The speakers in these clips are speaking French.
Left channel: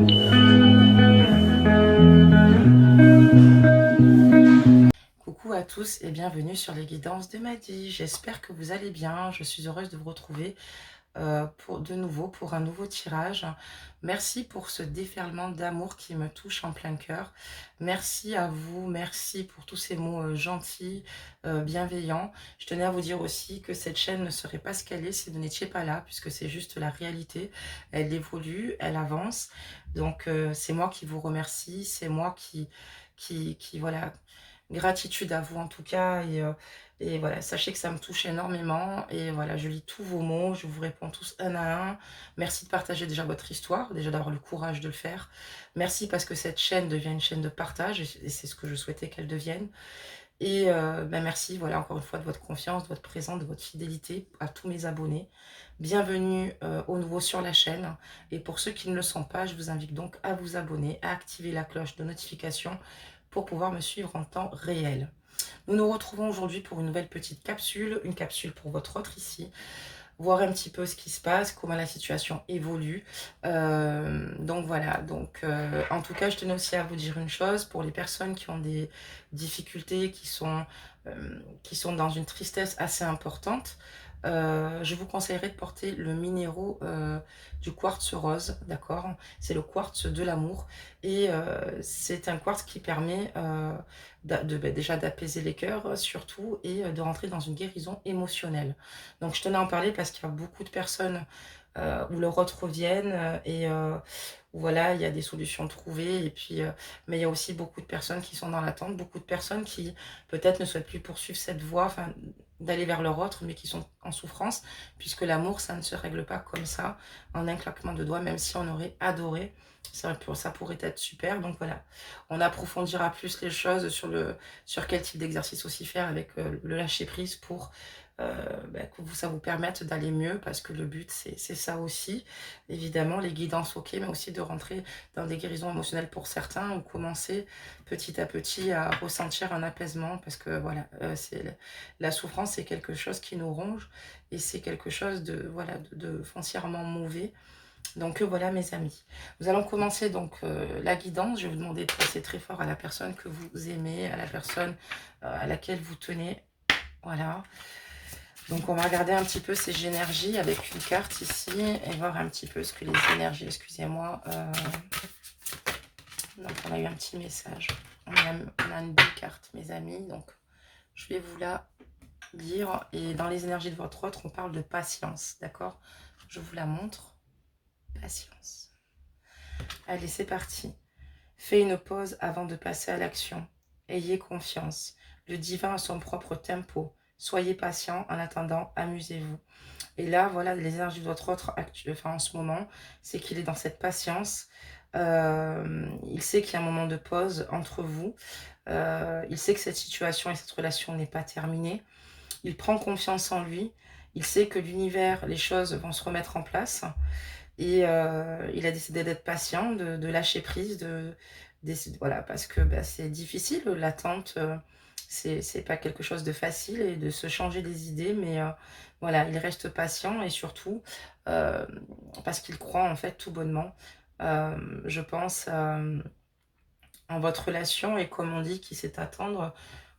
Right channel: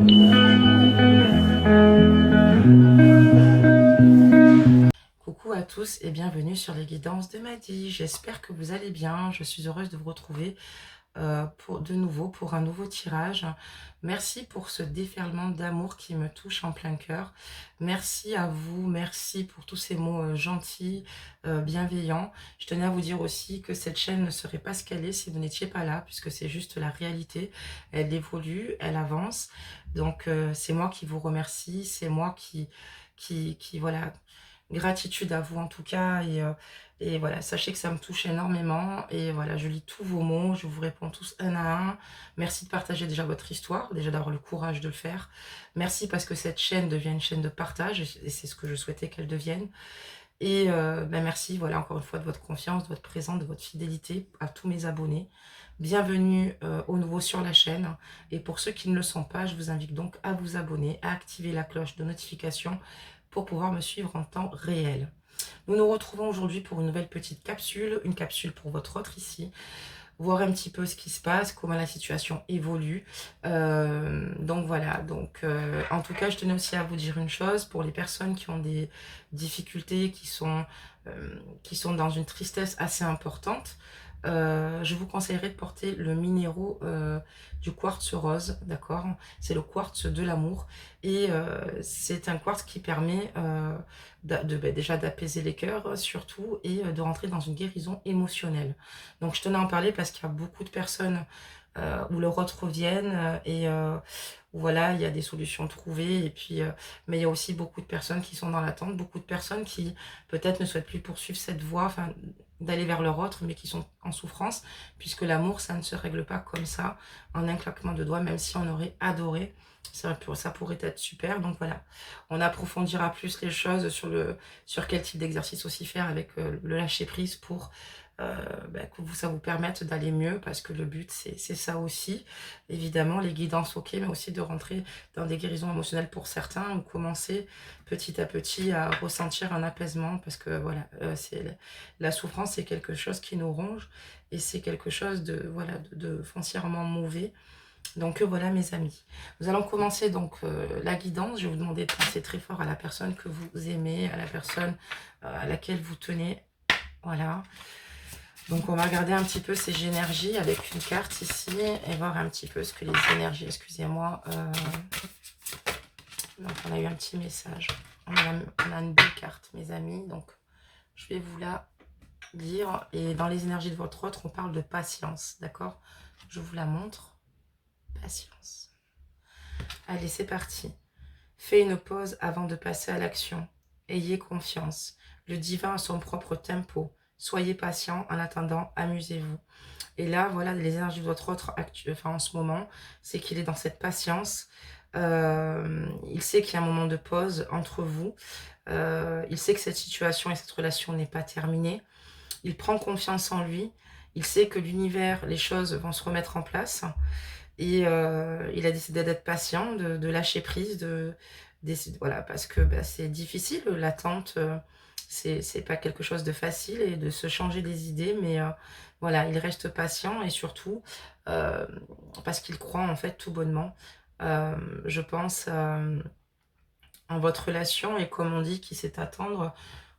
Coucou à tous et bienvenue sur les guidances de Maddy. J'espère que vous allez bien. Je suis heureuse de vous retrouver de nouveau pour un nouveau tirage. Merci pour ce déferlement d'amour qui me touche en plein cœur. Merci à vous, merci pour tous ces mots gentils, bienveillants. Je tenais à vous dire aussi que cette chaîne ne serait pas ce qu'elle est si vous n'étiez pas là, puisque c'est juste la réalité. Elle évolue, elle avance. Donc c'est moi qui vous remercie, c'est moi voilà, gratitude à vous en tout cas. Et voilà, sachez que ça me touche énormément. Et voilà, je lis tous vos mots, je vous réponds tous un à un. Merci de partager déjà votre histoire, déjà d'avoir le courage de le faire. Merci parce que cette chaîne devient une chaîne de partage et c'est ce que je souhaitais qu'elle devienne. Et merci, voilà, encore une fois, de votre confiance, de votre présence, de votre fidélité à tous mes abonnés. Bienvenue aux nouveaux sur la chaîne. Et pour ceux qui ne le sont pas, je vous invite donc à vous abonner, à activer la cloche de notification pour pouvoir me suivre en temps réel. Nous nous retrouvons aujourd'hui pour une nouvelle petite capsule, une capsule pour votre autre ici, voir un petit peu ce qui se passe, comment la situation évolue. Donc voilà, en tout cas, je tenais aussi à vous dire une chose, pour les personnes qui ont des difficultés, qui sont dans une tristesse assez importante, je vous conseillerais de porter le minéraux du quartz rose, d'accord? C'est le quartz de l'amour et c'est un quartz qui permet déjà d'apaiser les cœurs surtout et de rentrer dans une guérison émotionnelle. Donc je tenais à en parler parce qu'il y a beaucoup de personnes où leurs autres reviennent voilà, il y a des solutions trouvées et puis mais il y a aussi beaucoup de personnes qui sont dans l'attente, beaucoup de personnes qui peut-être ne souhaitent plus poursuivre cette voie, enfin d'aller vers leur autre, mais qui sont en souffrance, puisque l'amour, ça ne se règle pas comme ça, en un claquement de doigts, même si on aurait adoré, ça pourrait être super. Donc voilà, on approfondira plus les choses sur quel type d'exercice aussi faire avec le lâcher-prise pour que ça vous permette d'aller mieux, parce que le but, c'est ça aussi. Évidemment, les guidances, ok, mais aussi de rentrer dans des guérisons émotionnelles pour certains, ou commencer petit à petit à ressentir un apaisement, parce que voilà, la souffrance, c'est quelque chose qui nous ronge, et c'est quelque chose voilà, de foncièrement mauvais. Donc voilà mes amis, nous allons commencer donc la guidance. Je vais vous demander de penser très fort à la personne que vous aimez, à la personne à laquelle vous tenez. Voilà. Donc on va regarder un petit peu ces énergies avec une carte ici et voir un petit peu ce que les énergies, excusez-moi. Donc on a eu un petit message. On a une belle carte mes amis, donc je vais vous la lire. Et dans les énergies de votre autre, on parle de patience, d'accord? Je vous la montre. Patience. Allez, c'est parti. Fais une pause avant de passer à l'action. Ayez confiance. Le divin a son propre tempo. Soyez patient, en attendant, amusez-vous. Et là, voilà, les énergies de votre autre en ce moment, c'est qu'il est dans cette patience. Il sait qu'il y a un moment de pause entre vous. Il sait que cette situation et cette relation n'est pas terminée. Il prend confiance en lui. Il sait que l'univers, les choses vont se remettre en place. Et il a décidé d'être patient, de lâcher prise, voilà, parce que c'est difficile, l'attente, c'est pas quelque chose de facile, et de se changer des idées, mais voilà, il reste patient, et surtout parce qu'il croit en fait tout bonnement, je pense, en votre relation, et comme on dit, qui sait attendre,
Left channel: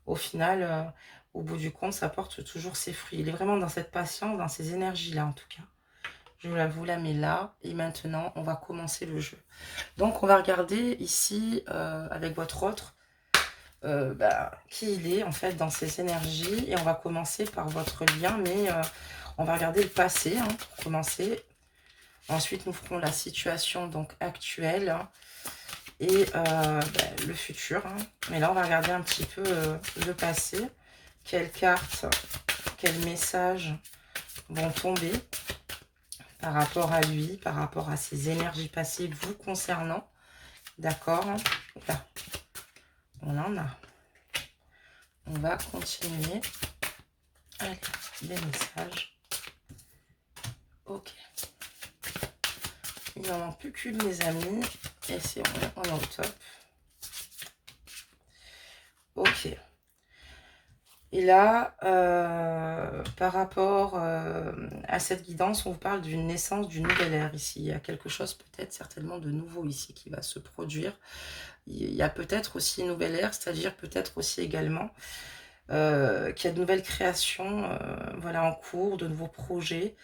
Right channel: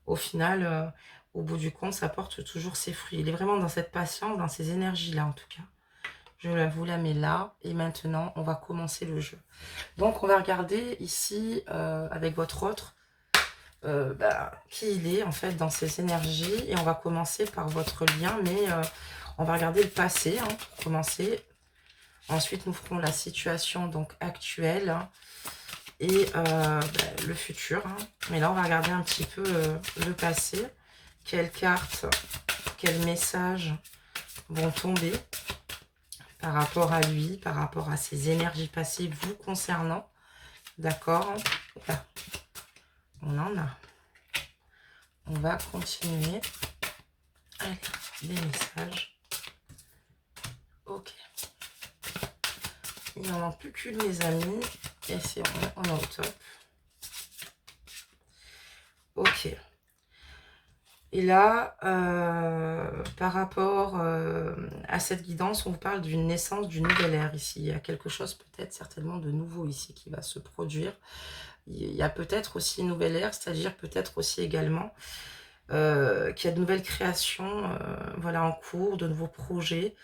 au final, au bout du compte, ça porte toujours ses fruits. Il est vraiment dans cette patience, dans ces énergies-là en tout cas. Je vous la mets là. Et maintenant, on va commencer le jeu. Donc, on va regarder ici, avec votre autre, qui il est, en fait, dans ces énergies. Et on va commencer par votre lien. Mais on va regarder le passé, hein, pour commencer. Ensuite, nous ferons la situation donc actuelle, hein, et le futur. Hein. Mais là, on va regarder un petit peu le passé. Quelles cartes, quels messages vont tomber par rapport à lui, par rapport à ses énergies passées vous concernant. D'accord? Là, on en a. On va continuer. Allez, les messages. Ok. Il n'en a plus qu'une, les amis. Et c'est bon, on est au top. Ok. Et là, par rapport, à cette guidance, on vous parle d'une naissance d'une nouvelle ère ici. Il y a quelque chose peut-être certainement de nouveau ici qui va se produire. Il y a peut-être aussi une nouvelle ère, c'est-à-dire peut-être aussi également, qu'il y a de nouvelles créations, voilà, en cours, de nouveaux projets,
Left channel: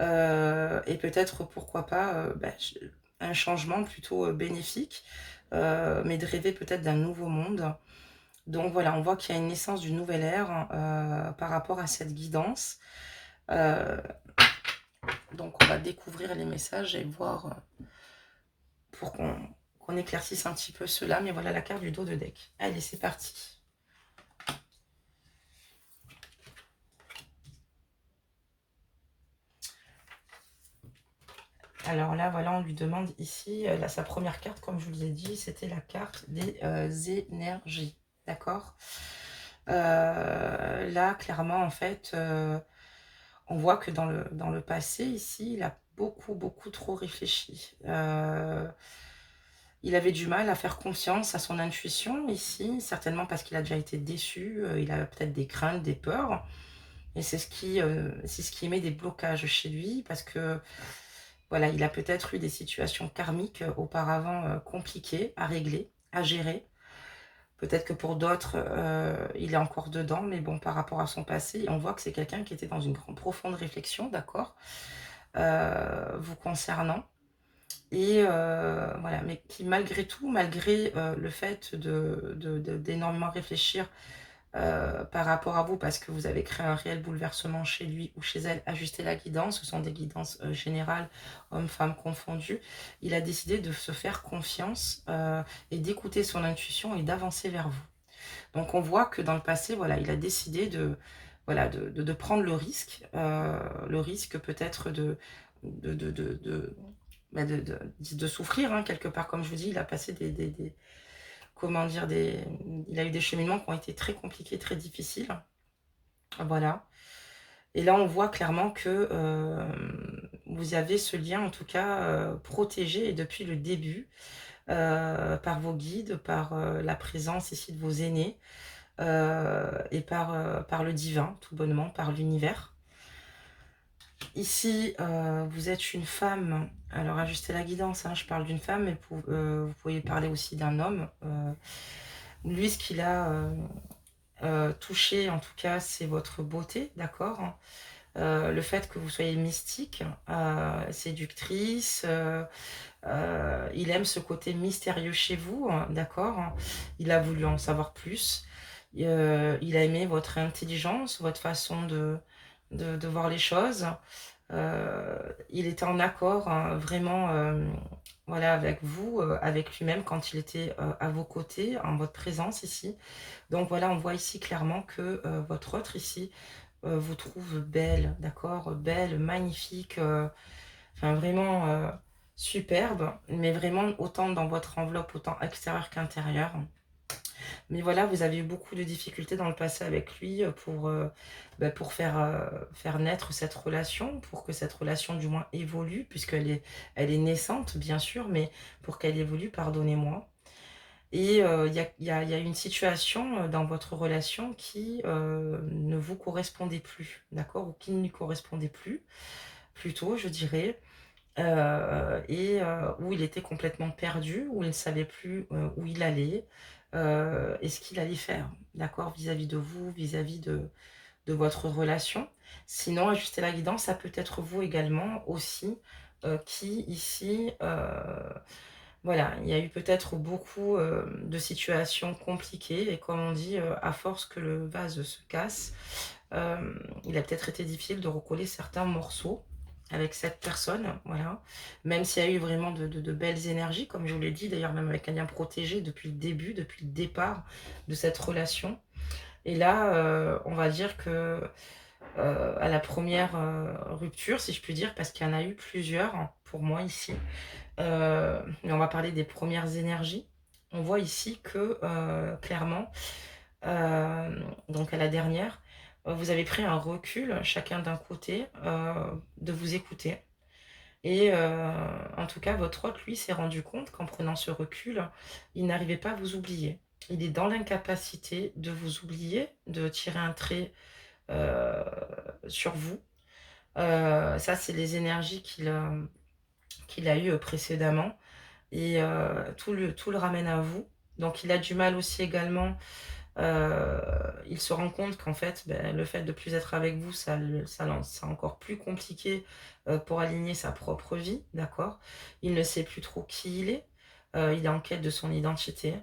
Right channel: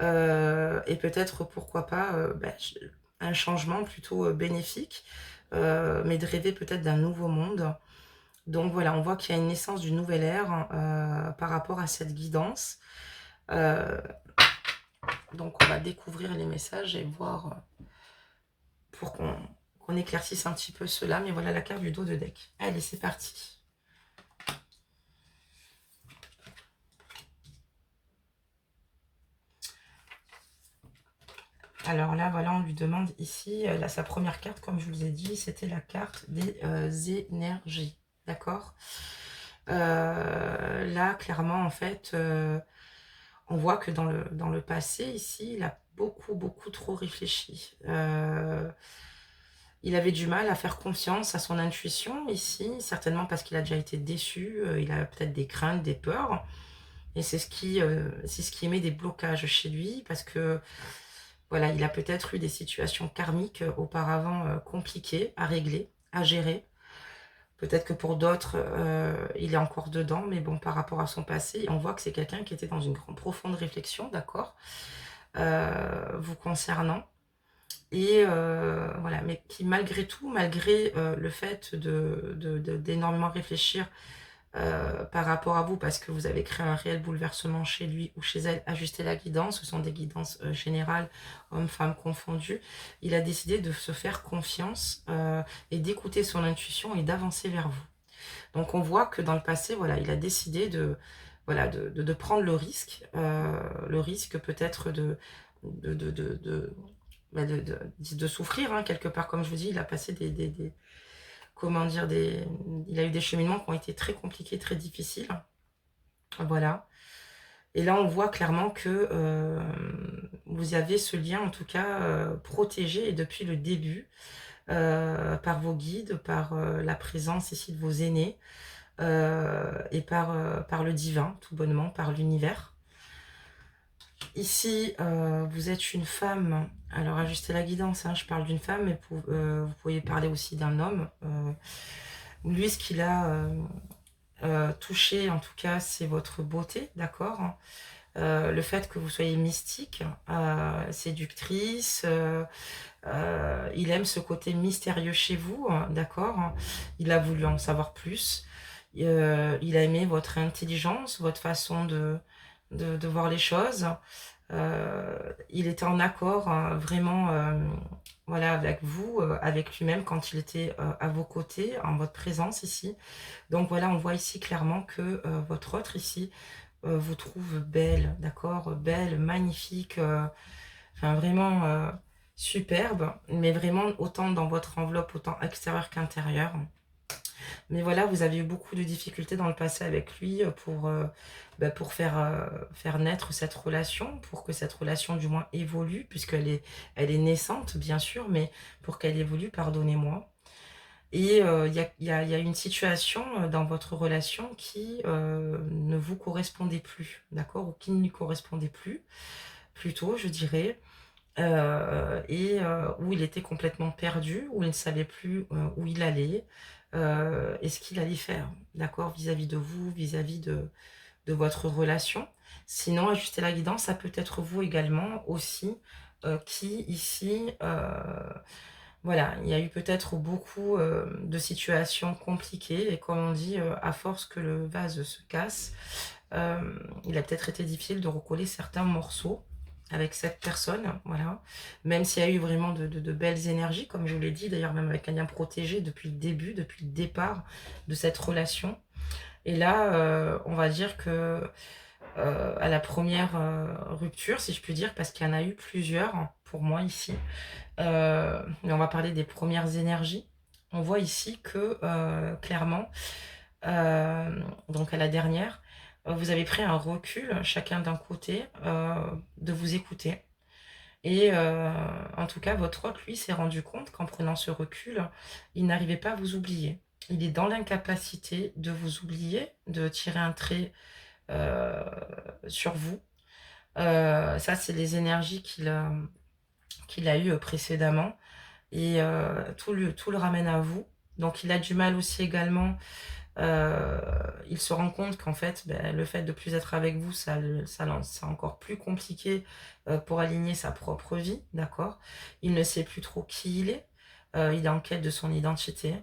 et peut-être, pourquoi pas, un changement plutôt, bénéfique, mais de rêver peut-être d'un nouveau monde. Donc voilà, on voit qu'il y a une naissance d'une nouvelle ère, par rapport à cette guidance. Heu, donc on va découvrir les messages et voir, pour qu'on éclaircisse un petit peu cela. Mais voilà la carte du dos de deck. Allez, c'est parti. Alors là, voilà, on lui demande ici, là, sa première carte, comme je vous ai dit, c'était la carte des énergies. D'accord. Là, clairement, en fait, on voit que dans le passé, ici, il a beaucoup, beaucoup trop réfléchi. Il avait du mal à faire confiance à son intuition ici, certainement parce qu'il a déjà été déçu, il a peut-être des craintes, des peurs, et c'est ce qui émet des blocages chez lui, parce que voilà, il a peut-être eu des situations karmiques, auparavant, compliquées à régler, à gérer. Peut-être que pour d'autres, il est encore dedans, mais bon, par rapport à son passé, on voit que c'est quelqu'un qui était dans une grande profonde réflexion, d'accord? Vous concernant, et voilà, mais qui malgré tout, malgré, le fait d'énormément réfléchir, par rapport à vous, parce que vous avez créé un réel bouleversement chez lui ou chez elle, ajuster la guidance, ce sont des guidances, générales, hommes-femmes confondus. Il a décidé de se faire confiance, et d'écouter son intuition et d'avancer vers vous. Donc on voit que dans le passé, voilà, il a décidé de, voilà, de prendre le risque peut-être de de de de, de souffrir, hein, quelque part. Comme je vous dis, il a passé comment dire? Il a eu des cheminements qui ont été très compliqués, très difficiles. Voilà. Et là, on voit clairement que, vous avez ce lien, en tout cas, protégé, et depuis le début, par vos guides, par, la présence ici de vos aînés, et par le divin, tout bonnement, par l'univers. Ici, vous êtes une femme, alors ajustez la guidance, hein, je parle d'une femme, mais vous pouvez parler aussi d'un homme. Lui, ce qu'il a, touché, en tout cas, c'est votre beauté, d'accord? Le fait que vous soyez mystique, séductrice, il aime ce côté mystérieux chez vous, d'accord? Il a voulu en savoir plus. Il a aimé votre intelligence, votre façon de voir les choses. Il était en accord, vraiment, voilà, avec vous, avec lui-même quand il était, à vos côtés, en votre présence ici. Donc voilà, on voit ici clairement que, votre autre ici, vous trouve belle, d'accord? Belle, magnifique, enfin vraiment, superbe, mais vraiment autant dans votre enveloppe, autant extérieure qu'intérieure. Mais voilà, vous avez eu beaucoup de difficultés dans le passé avec lui, pour faire naître cette relation, pour que cette relation du moins évolue, elle est naissante bien sûr, mais pour qu'elle évolue, pardonnez-moi. Et il y a une situation, dans votre relation qui, ne vous correspondait plus, d'accord? Ou qui ne lui correspondait plus, plutôt je dirais, et où il était complètement perdu, où il ne savait plus, où il allait, et ce qu'il allait faire, d'accord? Vis-à-vis de vous, vis-à-vis de votre relation. Sinon, ajuster la guidance, ça peut être vous également aussi, qui ici, voilà, il y a eu peut-être beaucoup, de situations compliquées, et comme on dit, à force que le vase se casse, il a peut-être été difficile de recoller certains morceaux avec cette personne, voilà. Même s'il y a eu vraiment de belles énergies, comme je vous l'ai dit, d'ailleurs même avec un lien protégé depuis le début, depuis le départ de cette relation. Et là, on va dire que, à la première rupture, si je puis dire, parce qu'il y en a eu plusieurs, hein, pour moi ici, mais on va parler des premières énergies. On voit ici que, clairement, donc à la dernière, vous avez pris un recul, chacun d'un côté, de vous écouter, et en tout cas, votre hôte, lui, s'est rendu compte qu'en prenant ce recul, il n'arrivait pas à vous oublier. il est dans l'incapacité de vous oublier, de tirer un trait euh, sur vous. Ça, c'est les énergies qu'il a eues précédemment. Et tout le ramène à vous. Donc il a du mal aussi également, il se rend compte qu'en fait, ben, le fait de plus être avec vous, c'est encore plus compliqué pour aligner sa propre vie, d'accord? Il ne sait plus trop qui il est, il est en quête de son identité,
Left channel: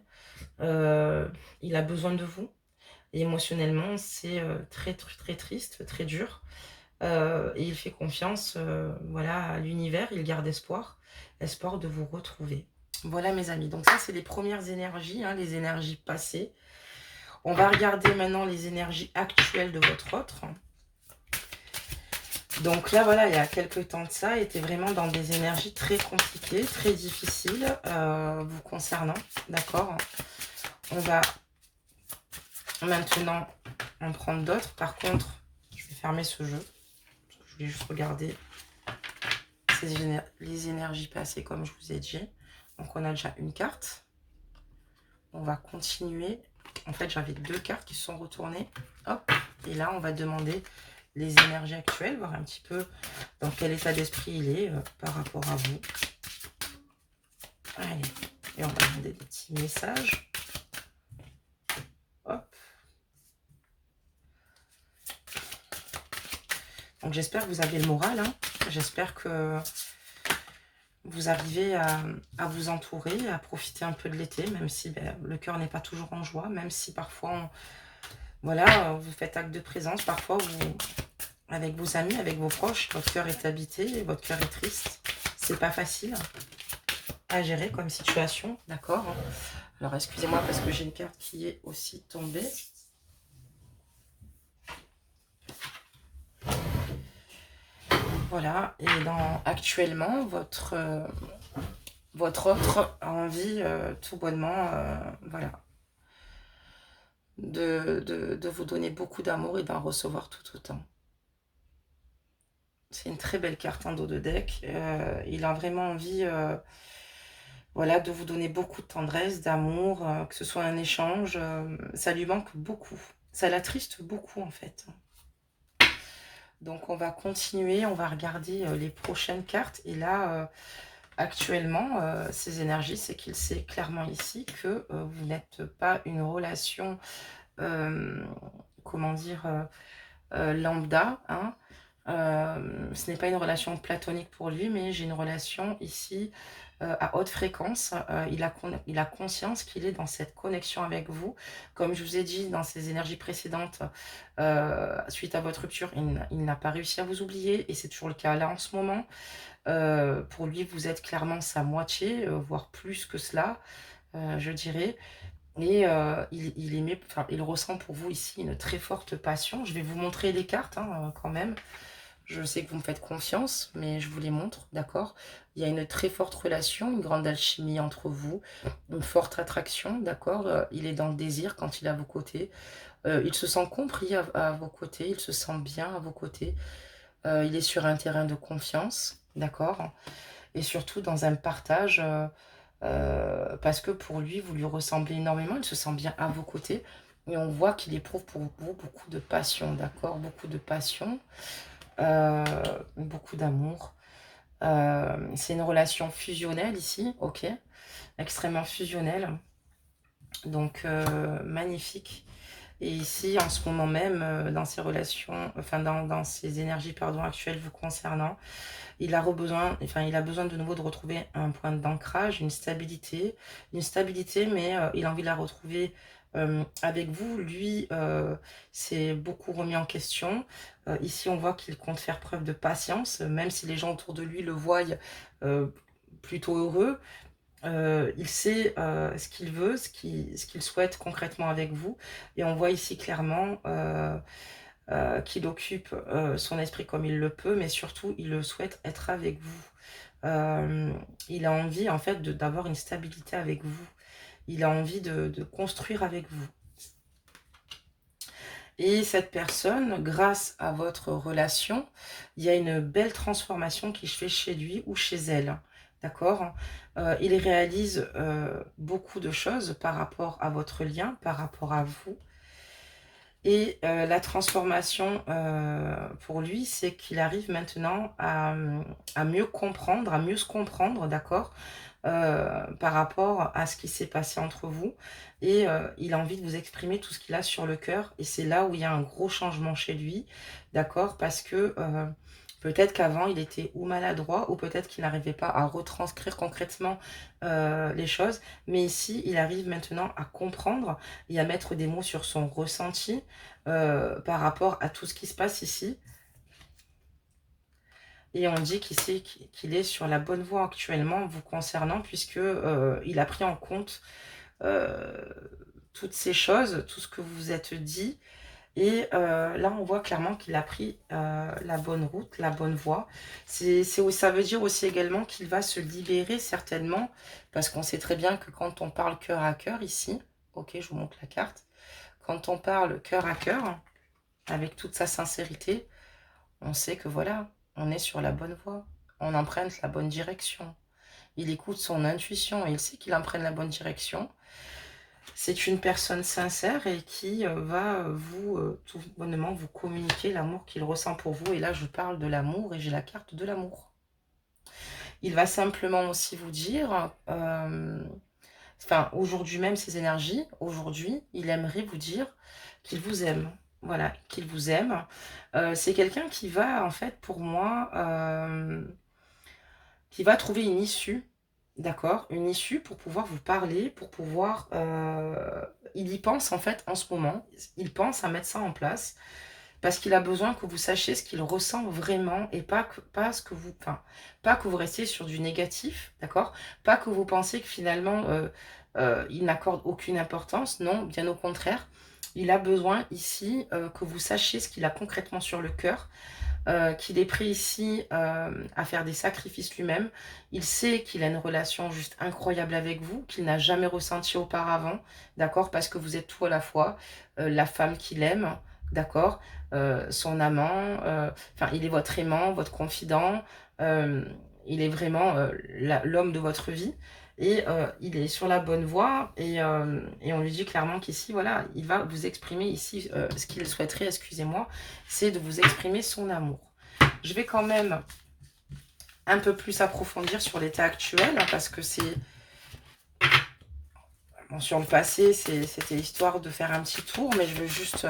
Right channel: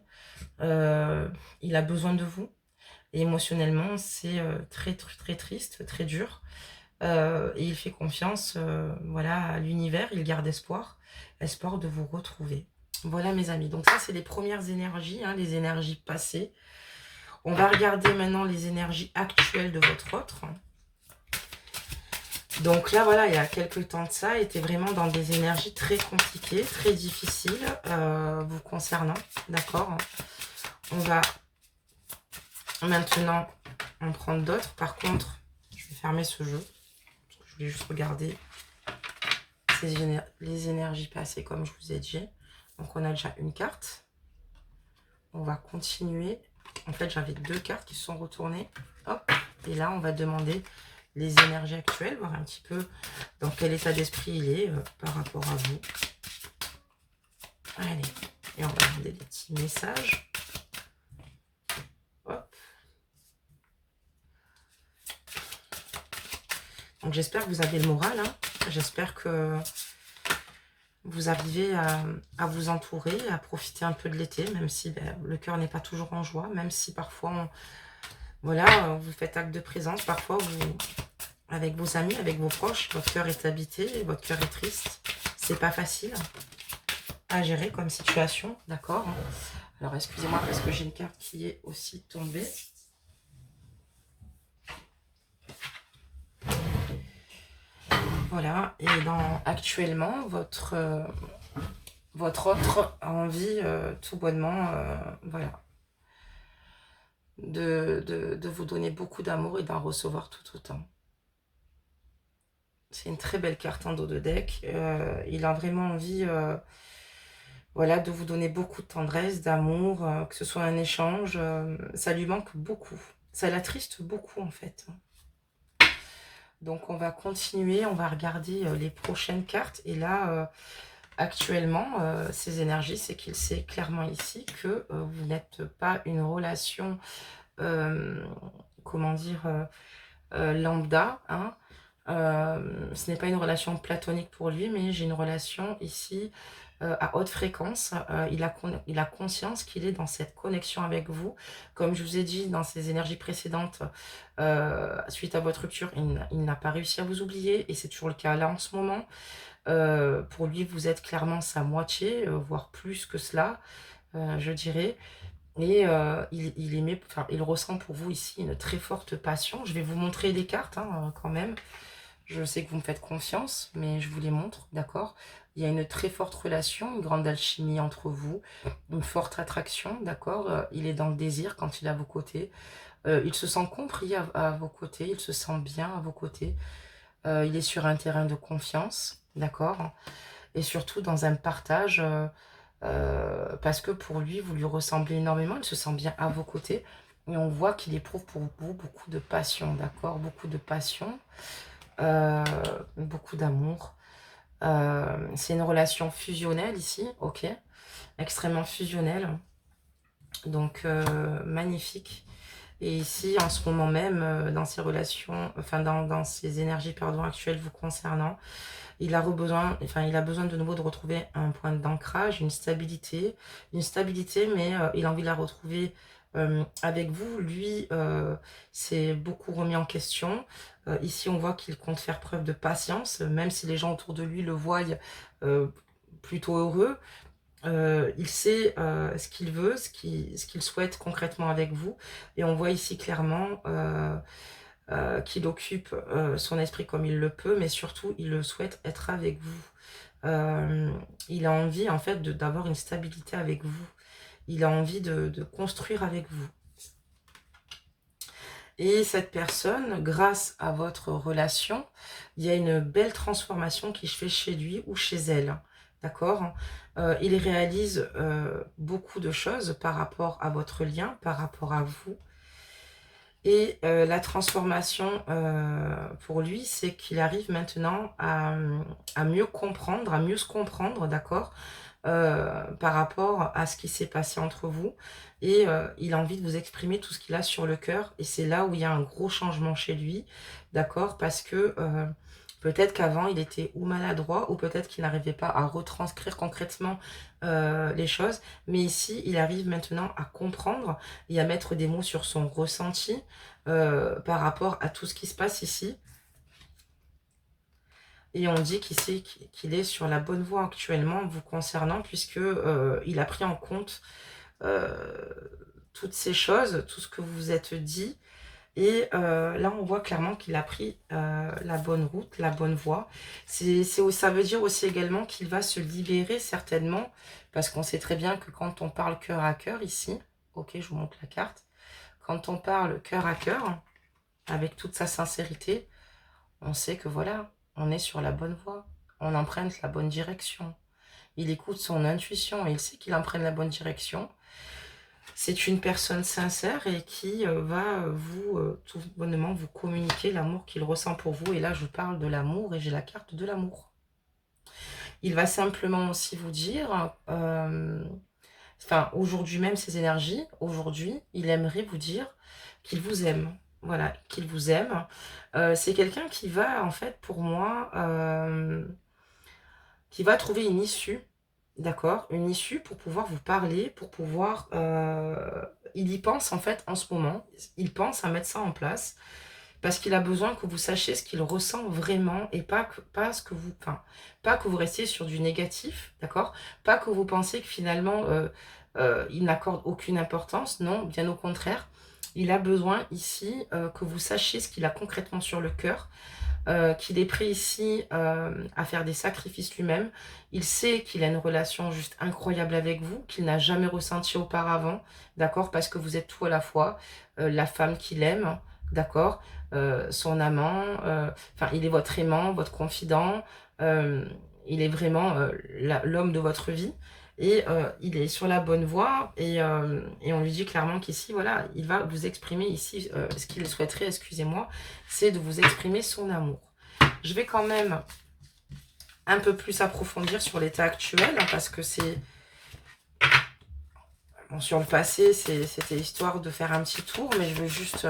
euh, il a besoin de vous. Et émotionnellement, c'est très, très, très triste, très dur. Et il fait confiance voilà, à l'univers, il garde espoir, espoir de vous retrouver. Voilà mes amis, donc ça c'est les premières énergies, hein, les énergies passées. On va regarder maintenant les énergies actuelles de votre autre. Donc là voilà, il y a quelques temps de ça, il était vraiment dans des énergies très compliquées, très difficiles vous concernant, d'accord? On va maintenant en prendre d'autres. Par contre, je vais fermer ce jeu. Je voulais juste regarder les énergies passées comme je vous ai dit. Donc on a déjà une carte. On va continuer. En fait, j'avais deux cartes qui se sont retournées. Hop. Et là, on va demander les énergies actuelles, voir un petit peu dans quel état d'esprit il est par rapport à vous. Allez. Et on va demander des petits messages. Hop. Donc, j'espère que vous avez le moral. Hein. J'espère que vous arrivez à vous entourer, à profiter un peu de l'été, même si ben, le cœur n'est pas toujours en joie, même si parfois, voilà, vous faites acte de présence. Parfois, avec vos amis, avec vos proches, votre cœur est habité, votre cœur est triste. C'est pas facile à gérer comme situation, d'accord? Alors, excusez-moi parce que j'ai une carte qui est aussi tombée. Voilà, et actuellement, votre autre a envie, tout bonnement, voilà, de vous donner beaucoup d'amour et d'en recevoir tout autant. C'est une très belle carte en dos de deck. Il a vraiment envie voilà, de vous donner beaucoup de tendresse, d'amour, que ce soit un échange. Ça lui manque beaucoup. Ça l'attriste beaucoup en fait. Donc on va continuer, on va regarder les prochaines cartes. Et là, actuellement, ces énergies, c'est qu'il sait clairement ici que vous n'êtes pas une relation, euh, comment dire, lambda, hein. Ce n'est pas une relation platonique pour lui, mais j'ai une relation ici à haute fréquence. Il a conscience qu'il est dans cette connexion avec vous. Comme je vous ai dit dans ses énergies précédentes, suite à votre rupture, il n'a pas réussi à vous oublier et c'est toujours le cas là en ce moment. Pour lui, vous êtes clairement sa moitié, voire plus que cela, je dirais. Et il ressent pour vous ici une très forte passion. Je vais vous montrer les cartes hein, quand même. Je sais que vous me faites confiance, mais je vous les montre, d'accord? Il y a une très forte relation, une grande alchimie entre vous, une forte attraction, d'accord? Il est dans le désir quand il est à vos côtés. Il se sent compris à vos côtés, il se sent bien à vos côtés. Il est sur un terrain de confiance, d'accord? Et surtout dans un partage, parce que pour lui, vous lui ressemblez énormément, il se sent bien à vos côtés. Et on voit qu'il éprouve pour vous beaucoup de passion, d'accord? Beaucoup de passion, euh, beaucoup d'amour. C'est une relation fusionnelle ici, ok, extrêmement fusionnelle, donc magnifique. Et ici, en ce moment même, dans ces relations, enfin dans ces énergies pardon, actuelles vous concernant, il a il a besoin de nouveau de retrouver un point d'ancrage, une stabilité, mais il a envie de la retrouver avec vous. Lui, c'est beaucoup remis en question. Ici, on voit qu'il compte faire preuve de patience, même si les gens autour de lui le voient euh, plutôt heureux. Il sait ce qu'il veut, ce qu'il souhaite concrètement avec vous. Et on voit ici clairement qu'il occupe son esprit comme il le peut, mais surtout, il le souhaite être avec vous. Il a envie, en fait, d'avoir une stabilité avec vous. Il a envie de construire avec vous. Et cette personne, grâce à votre relation, il y a une belle transformation qui se fait chez lui ou chez elle. D'accord? Il réalise beaucoup de choses par rapport à votre lien, par rapport à vous. Et la transformation, pour lui, c'est qu'il arrive maintenant à mieux comprendre, à mieux se comprendre, d'accord? Par rapport à ce qui s'est passé entre vous et il a envie de vous exprimer tout ce qu'il a sur le cœur et c'est là où il y a un gros changement chez lui, d'accord? Parce que, peut-être qu'avant il était ou maladroit ou peut-être qu'il n'arrivait pas à retranscrire concrètement, les choses. Mais ici, il arrive maintenant à comprendre et à mettre des mots sur son ressenti, par rapport à tout ce qui se passe ici et on dit qu'ici qu'il est sur la bonne voie actuellement vous concernant puisque, il a pris en compte heu, toutes ces choses, tout ce que vous vous êtes dit et là, on voit clairement qu'il a pris, la bonne route, la bonne voie. Ça veut dire aussi également qu'il va se libérer certainement, parce qu'on sait très bien que quand on parle cœur à cœur ici, OK, je vous montre la carte. Quand on parle cœur à cœur, avec toute sa sincérité, on sait que voilà, on est sur la bonne voie, on emprunte la bonne direction. Il écoute son intuition et il sait qu'il emprunte la bonne direction. C'est une personne sincère et qui va tout bonnement vous communiquer l'amour qu'il ressent pour vous. Et là, je parle de l'amour et j'ai la carte de l'amour. Il va simplement aussi vous dire, enfin, aujourd'hui même, ses énergies, aujourd'hui, il aimerait vous dire qu'il vous aime. Voilà, qu'il vous aime. C'est quelqu'un qui va, en fait, pour moi, qui va trouver une issue, d'accord? Une issue pour pouvoir vous parler, pour pouvoir, il y pense en fait en ce moment. Il pense à mettre ça en place parce qu'il a besoin que vous sachiez ce qu'il ressent vraiment et pas ce que vous enfin, pas que vous restiez sur du négatif, d'accord? Pas que vous pensiez que finalement, il n'accorde aucune importance. Non, bien au contraire. Il a besoin ici, que vous sachiez ce qu'il a concrètement sur le cœur, qu'il est prêt ici, à faire des sacrifices lui-même. Il sait qu'il a une relation juste incroyable avec vous, qu'il n'a jamais ressenti auparavant, d'accord? Parce que vous êtes tout à la fois, la femme qu'il aime, d'accord? Son amant, enfin, il est votre aimant, votre confident, hem, il est vraiment, l'homme de votre vie et il est sur la bonne voie et on lui dit clairement qu'ici, voilà, il va vous exprimer ici, ce qu'il souhaiterait, excusez-moi, c'est de vous exprimer son amour. Je vais quand même un peu plus approfondir sur l'état actuel, hein, parce que c'est... Bon, sur le passé, c'était histoire de faire un petit tour, mais je veux juste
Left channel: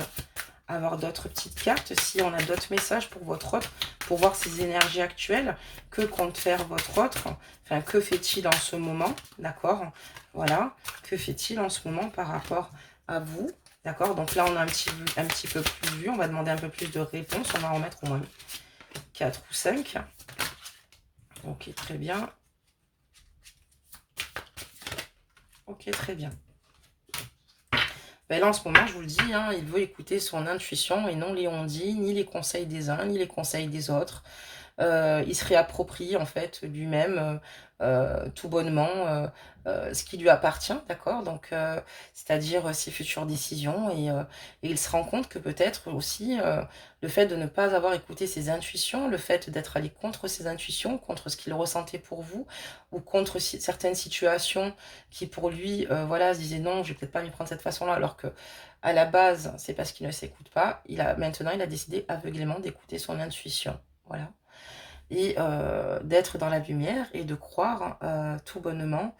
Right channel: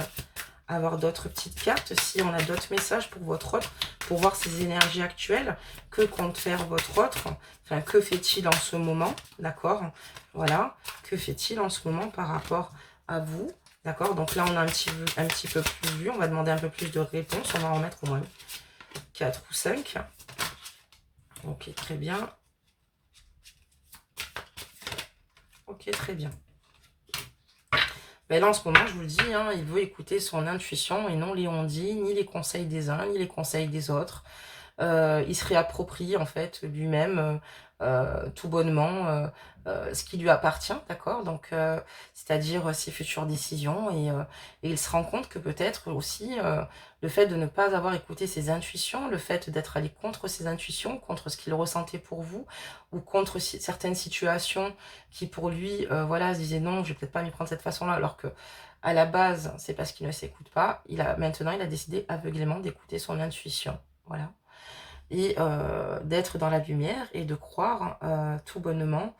avoir d'autres petites cartes, si on a d'autres messages pour votre autre, pour voir ces énergies actuelles, que compte faire votre autre, enfin, que fait-il en ce moment, d'accord? Voilà, que fait-il en ce moment par rapport à vous, d'accord? Donc là, on a un petit peu plus vu, on va demander un peu plus de réponses, on va en mettre au moins 4 ou 5. Ok, très bien. Ok, très bien. Ben là, en ce moment, je vous le dis, hein, il veut écouter son intuition et non les on-dit, ni les conseils des uns, ni les conseils des autres. Il se réapproprie en fait lui-même, tout bonnement, ce qui lui appartient, d'accord? Donc c'est-à-dire ses futures décisions et il se rend compte que peut-être aussi, le fait de ne pas avoir écouté ses intuitions, le fait d'être allé contre ses intuitions, contre ce qu'il ressentait pour vous ou contre certaines situations qui pour lui, voilà, se disaient: «Non, je vais peut-être pas m'y prendre de cette façon-là», alors que à la base, c'est parce qu'il ne s'écoute pas. Il a décidé aveuglément d'écouter son intuition. Voilà et d'être dans la lumière et de croire, tout bonnement,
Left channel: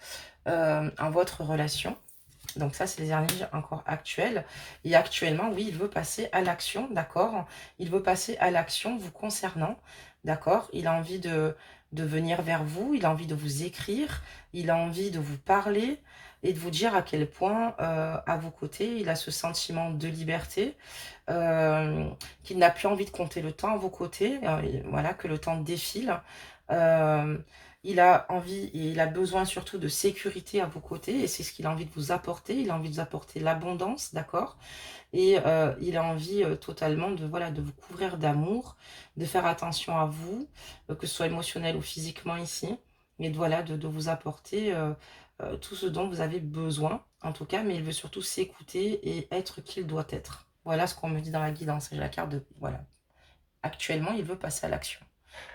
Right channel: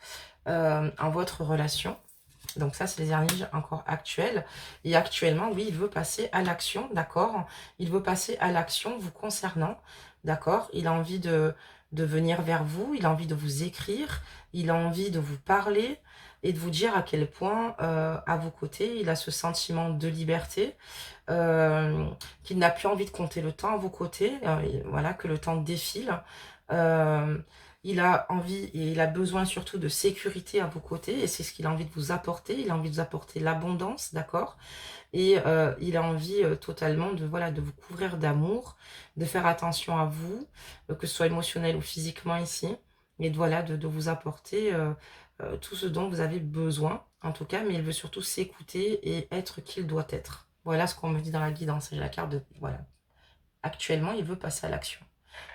en votre relation. Donc ça, c'est les énergies encore actuelles et actuellement, oui, il veut passer à l'action, d'accord? Il veut passer à l'action vous concernant, d'accord? Il a envie de venir vers vous, il a envie de vous écrire, il a envie de vous parler et de vous dire à quel point, à vos côtés, il a ce sentiment de liberté, qu'il n'a plus envie de compter le temps à vos côtés, et voilà, que le temps défile. Hem, il a envie et il a besoin surtout de sécurité à vos côtés et c'est ce qu'il a envie de vous apporter. Il a envie de vous apporter l'abondance, d'accord? Et il a envie, totalement de, voilà, de vous couvrir d'amour, de faire attention à vous, que ce soit émotionnel ou physiquement ici et de, voilà, de vous apporter, tout ce dont vous avez besoin, en tout cas, mais il veut surtout s'écouter et être qui il doit être. Voilà ce qu'on me dit dans la guidance et j'ai la carte de voilà. Actuellement, il veut passer à l'action.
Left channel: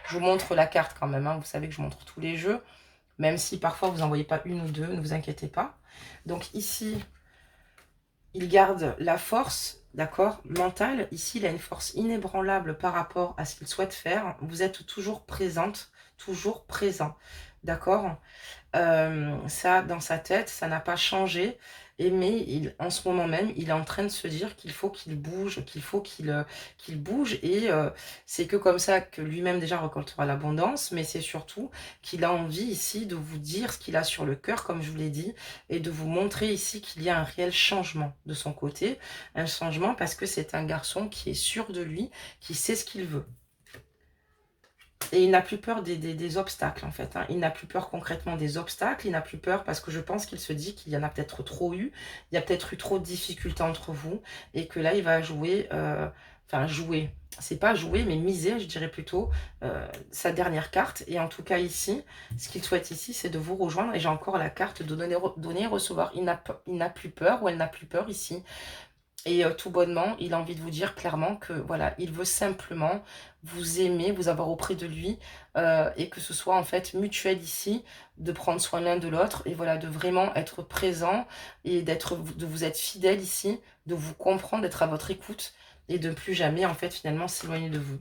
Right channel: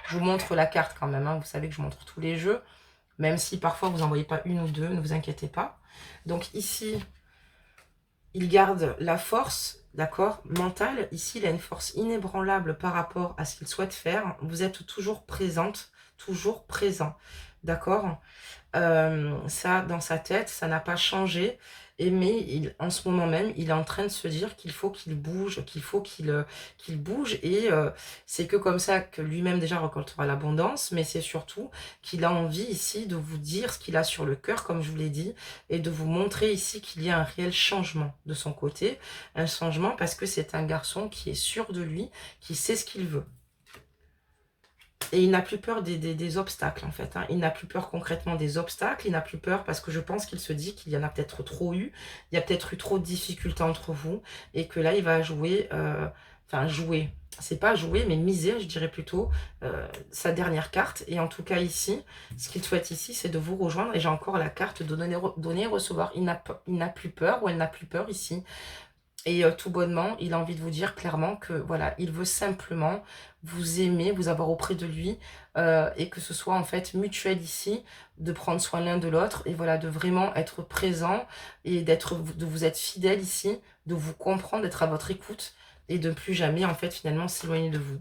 Je vous montre la carte quand même, hein, vous savez que je montre tous les jeux même si parfois vous n'en voyez pas une ou deux, ne vous inquiétez pas. Donc ici, il garde la force, d'accord, mentale. Ici, il a une force inébranlable par rapport à ce qu'il souhaite faire. Vous êtes toujours présente, toujours présent, d'accord. Ça, dans sa tête, ça n'a pas changé. Et mais en ce moment même, il est en train de se dire qu'il faut qu'il bouge, qu'il faut qu'il bouge. Et c'est que comme ça que lui-même déjà récoltera l'abondance. Mais c'est surtout qu'il a envie ici de vous dire ce qu'il a sur le cœur, comme je vous l'ai dit. Et de vous montrer ici qu'il y a un réel changement de son côté. Un changement parce que c'est un garçon qui est sûr de lui, qui sait ce qu'il veut. Et il n'a plus peur des obstacles, en fait. Hein. Il n'a plus peur concrètement des obstacles. Il n'a plus peur parce que je pense qu'il se dit qu'il y en a peut-être trop eu. Il y a peut-être eu trop de difficultés entre vous. Et que là, il va jouer... enfin, jouer. C'est pas jouer, mais miser, je dirais plutôt, sa dernière carte. Et en tout cas, ici, ce qu'il souhaite ici, c'est de vous rejoindre. Et j'ai encore la carte de donner et recevoir. Il n'a plus peur ou elle n'a plus peur ici. Et tout bonnement, il a envie de vous dire clairement que voilà, il veut simplement vous aimer, vous avoir auprès de lui, et que ce soit en fait mutuel ici, de prendre soin l'un de l'autre, et voilà, de vraiment être présent, et de vous être fidèle ici, de vous comprendre, d'être à votre écoute, et de ne plus jamais en fait finalement s'éloigner de vous.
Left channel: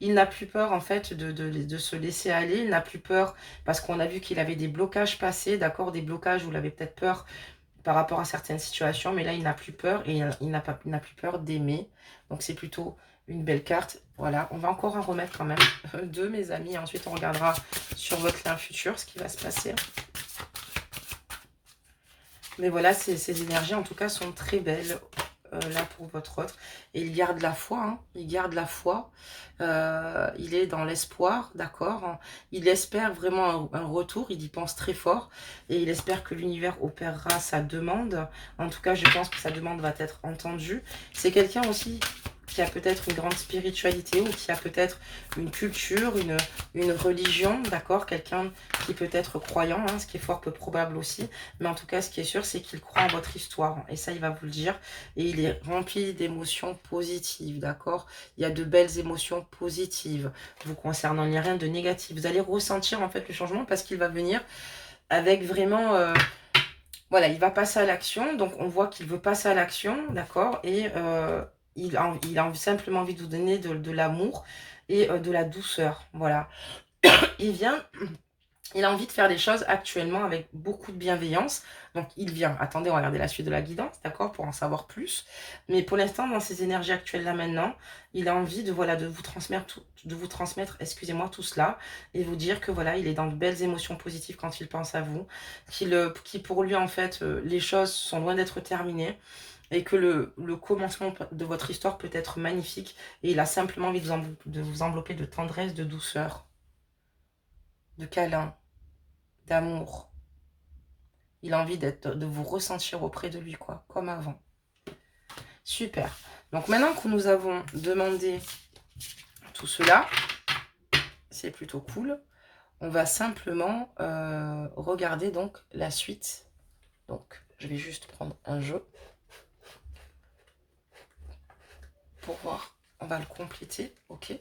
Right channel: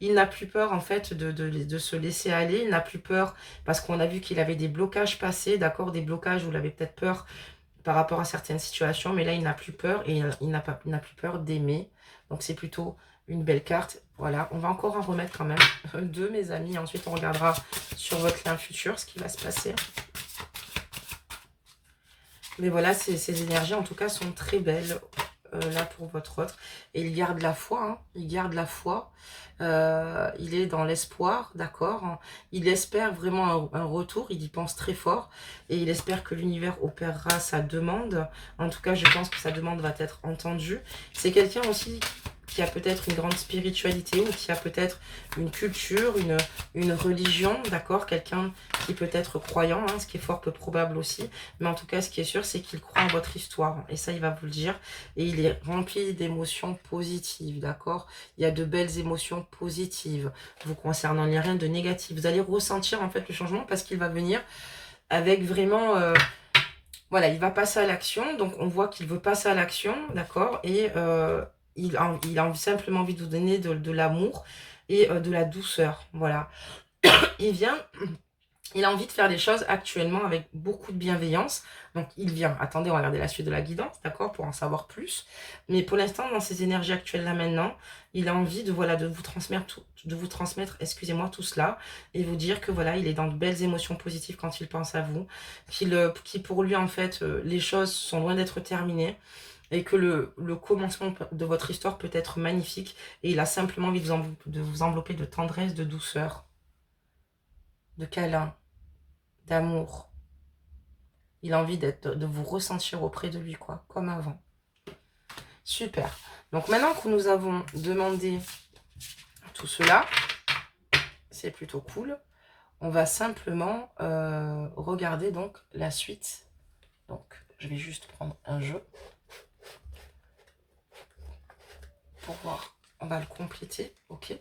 Il n'a plus peur en fait de se laisser aller, il n'a plus peur, parce qu'on a vu qu'il avait des blocages passés, d'accord, des blocages où il avait peut-être peur par rapport à certaines situations, mais là, il n'a plus peur et il n'a plus peur d'aimer. Donc, c'est plutôt une belle carte. Voilà, on va encore en remettre quand même deux, mes amis. Ensuite, on regardera sur votre lien futur ce qui va se passer. Mais voilà, ces énergies, en tout cas, sont très belles là pour votre autre. Et il garde la foi, hein, il garde la foi. Il est dans l'espoir, d'accord. Il espère vraiment un retour, il y pense très fort. Et il espère que l'univers opérera sa demande. En tout cas, je pense que sa demande va être entendue. C'est quelqu'un aussi qui a peut-être une grande spiritualité ou qui a peut-être une culture, une religion, d'accord. Quelqu'un qui peut être croyant, hein, ce qui est fort peu probable aussi. Mais en tout cas, ce qui est sûr, c'est qu'il croit en votre histoire. Et ça, il va vous le dire. Et il est rempli d'émotions positives, d'accord. Il y a de belles émotions positives vous concernant. Il n'y a rien de négatif. Vous allez ressentir en fait le changement parce qu'il va venir avec vraiment... voilà, il va passer à l'action. Donc, on voit qu'il veut passer à l'action, d'accord. Et il a simplement envie de vous donner de l'amour et de la douceur. Voilà. Il vient... Il a envie de faire des choses actuellement avec beaucoup de bienveillance. Donc, il vient. Attendez, on va regarder la suite de la guidance, d'accord, pour en savoir plus. Mais pour l'instant, dans ces énergies actuelles-là maintenant, il a envie de, voilà, de vous transmettre, excusez-moi, tout cela et vous dire que, voilà, il est dans de belles émotions positives quand il pense à vous. Qui pour lui, en fait, les choses sont loin d'être terminées et que le commencement de votre histoire peut être magnifique. Et il a simplement envie de vous envelopper de tendresse, de douceur, de câlin, d'amour. Il a envie de vous ressentir auprès de lui, quoi, comme avant. Super. Donc maintenant que nous avons demandé tout cela, c'est plutôt cool. On va simplement regarder donc la suite. Donc, je vais juste prendre un jeu pour voir. On va le compléter, ok.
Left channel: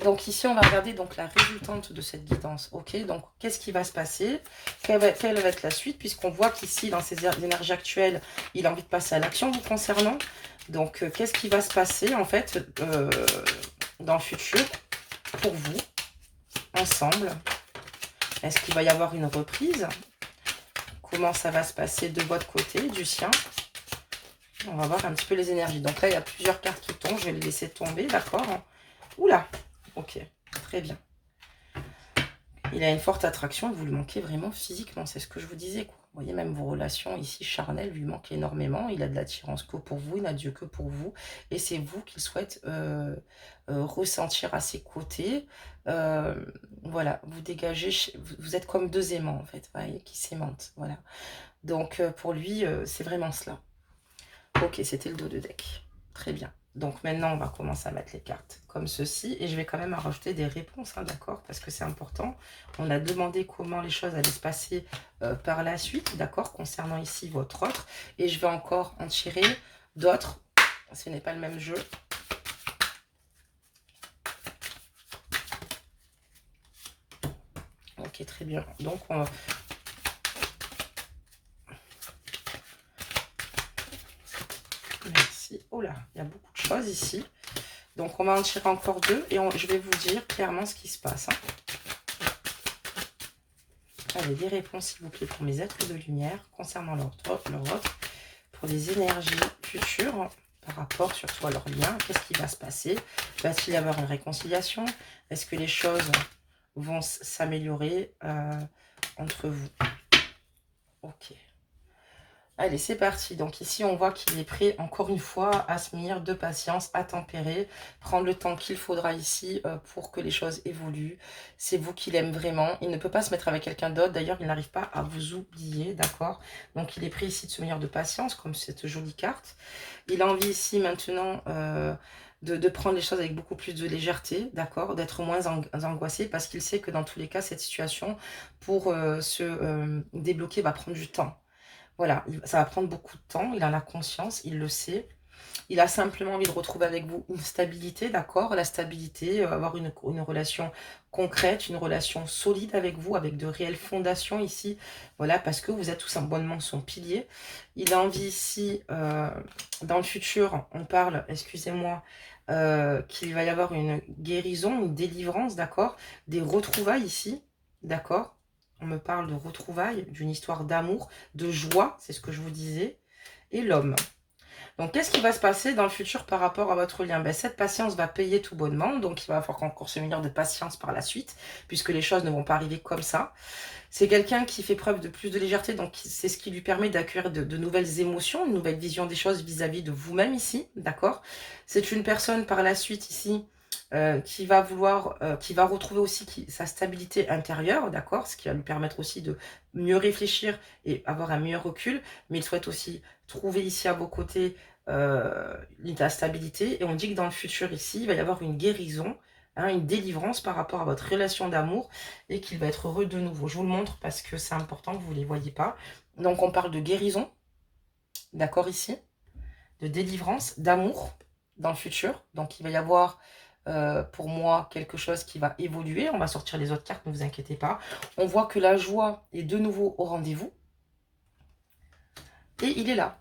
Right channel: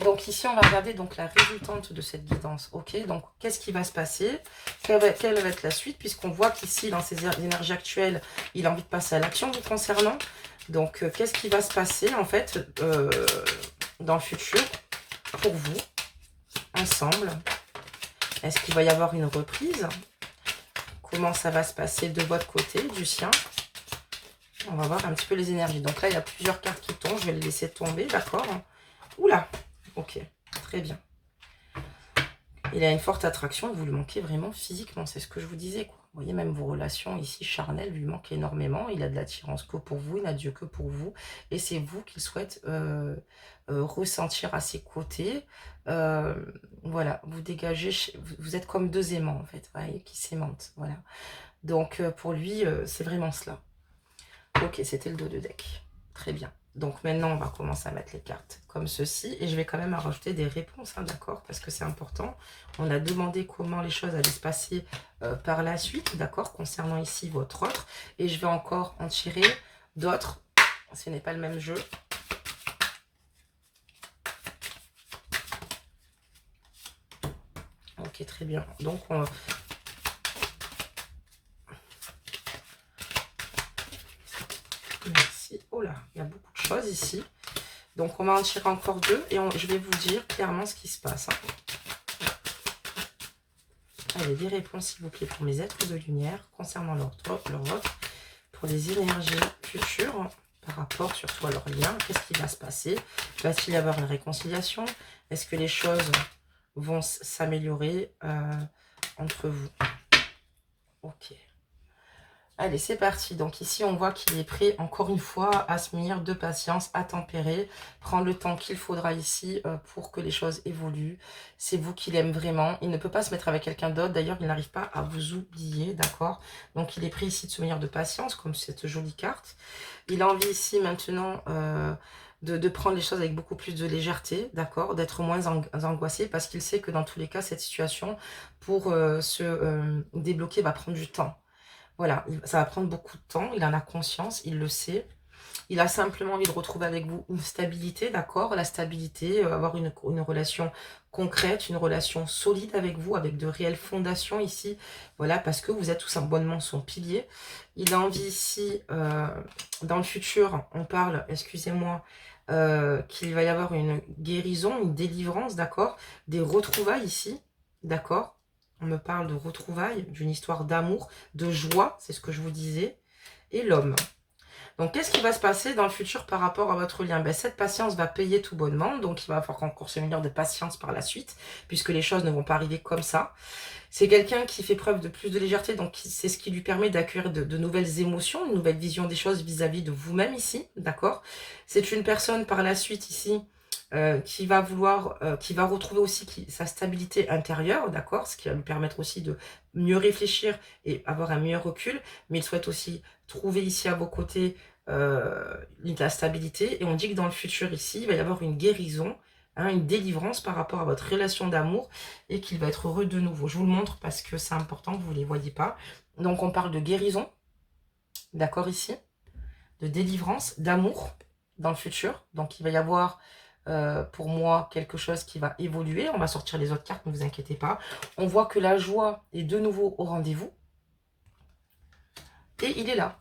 Donc ici, on va regarder donc la résultante de cette guidance. Ok, donc qu'est-ce qui va se passer? Quelle va être la suite? Puisqu'on voit qu'ici, dans ces énergies actuelles, il a envie de passer à l'action vous concernant. Donc, qu'est-ce qui va se passer, en fait, dans le futur, pour vous, ensemble? Est-ce qu'il va y avoir une reprise? Comment ça va se passer de votre côté, du sien? On va voir un petit peu les énergies. Donc là, il y a plusieurs cartes qui tombent. Je vais les laisser tomber, d'accord? Oula! Ok, très bien. Il a une forte attraction et vous lui manquez vraiment physiquement. C'est ce que je vous disais, quoi. Vous voyez, même vos relations ici charnelles lui manquent énormément. Il a de l'attirance que pour vous, il n'a Dieu que pour vous. Et c'est vous qu'il souhaite ressentir à ses côtés. Voilà, vous dégagez, vous êtes comme deux aimants, en fait, vous voyez, qui s'aimantent. Voilà. Donc, pour lui, c'est vraiment cela. Ok, c'était le dos de deck. Très bien. Donc maintenant, on va commencer à mettre les cartes comme ceci. Et je vais quand même rajouter des réponses, hein, d'accord? Parce que c'est important. On a demandé comment les choses allaient se passer par la suite, d'accord? Concernant ici votre autre. Et je vais encore en tirer d'autres. Ce n'est pas le même jeu. Ok, Ok, très bien. Donc, merci. Oh là, il y a beaucoup de choses ici. Donc, on va en tirer encore deux et je vais vous dire clairement ce qui se passe. Hein. Allez, des réponses, s'il vous plaît, pour mes êtres de lumière concernant leur offre, pour les énergies futures par rapport surtout à leur lien. Qu'est-ce qui va se passer? Va-t-il y avoir une réconciliation? Est-ce que les choses vont s'améliorer entre vous? Ok. Allez, c'est parti. Donc ici, on voit qu'il est prêt, encore une fois, à se munir de patience, à tempérer, prendre le temps qu'il faudra ici pour que les choses évoluent. C'est vous qui l'aime vraiment. Il ne peut pas se mettre avec quelqu'un d'autre. D'ailleurs, il n'arrive pas à vous oublier, d'accord? Donc, il est prêt ici de se munir de patience, comme cette jolie carte. Il a envie ici, maintenant... de prendre les choses avec beaucoup plus de légèreté, d'accord, d'être moins angoissé, parce qu'il sait que dans tous les cas, cette situation, pour se débloquer, va prendre du temps. Voilà, ça va prendre beaucoup de temps, il en a conscience, il le sait. Il a simplement envie de retrouver avec vous une stabilité, d'accord? La stabilité, avoir une relation concrète, une relation solide avec vous, avec de réelles fondations ici. Voilà, parce que vous êtes tout simplement son pilier. Il a envie ici, dans le futur, on parle, excusez-moi, qu'il va y avoir une guérison, une délivrance, d'accord? Des retrouvailles ici, d'accord? On me parle de retrouvailles, d'une histoire d'amour, de joie, c'est ce que je vous disais. Et l'homme. Donc, qu'est-ce qui va se passer dans le futur par rapport à votre lien? Ben, cette patience va payer tout bonnement. Donc, il va falloir encore se munir de patience par la suite, puisque les choses ne vont pas arriver comme ça. C'est quelqu'un qui fait preuve de plus de légèreté, donc c'est ce qui lui permet d'accueillir de nouvelles émotions, une nouvelle vision des choses vis-à-vis de vous-même ici, d'accord? C'est une personne par la suite ici qui va vouloir, qui va retrouver aussi sa stabilité intérieure, d'accord? Ce qui va lui permettre aussi de mieux réfléchir et avoir un meilleur recul, mais il souhaite aussi trouver ici à vos côtés la stabilité. Et on dit que dans le futur ici, il va y avoir une guérison, hein, une délivrance par rapport à votre relation d'amour et qu'il va être heureux de nouveau. Je vous le montre parce que c'est important que vous ne les voyez pas. Donc on parle de guérison, d'accord ici, de délivrance, d'amour dans le futur. Donc il va y avoir pour moi quelque chose qui va évoluer. On va sortir les autres cartes, ne vous inquiétez pas. On voit que la joie est de nouveau au rendez-vous. Et il est là.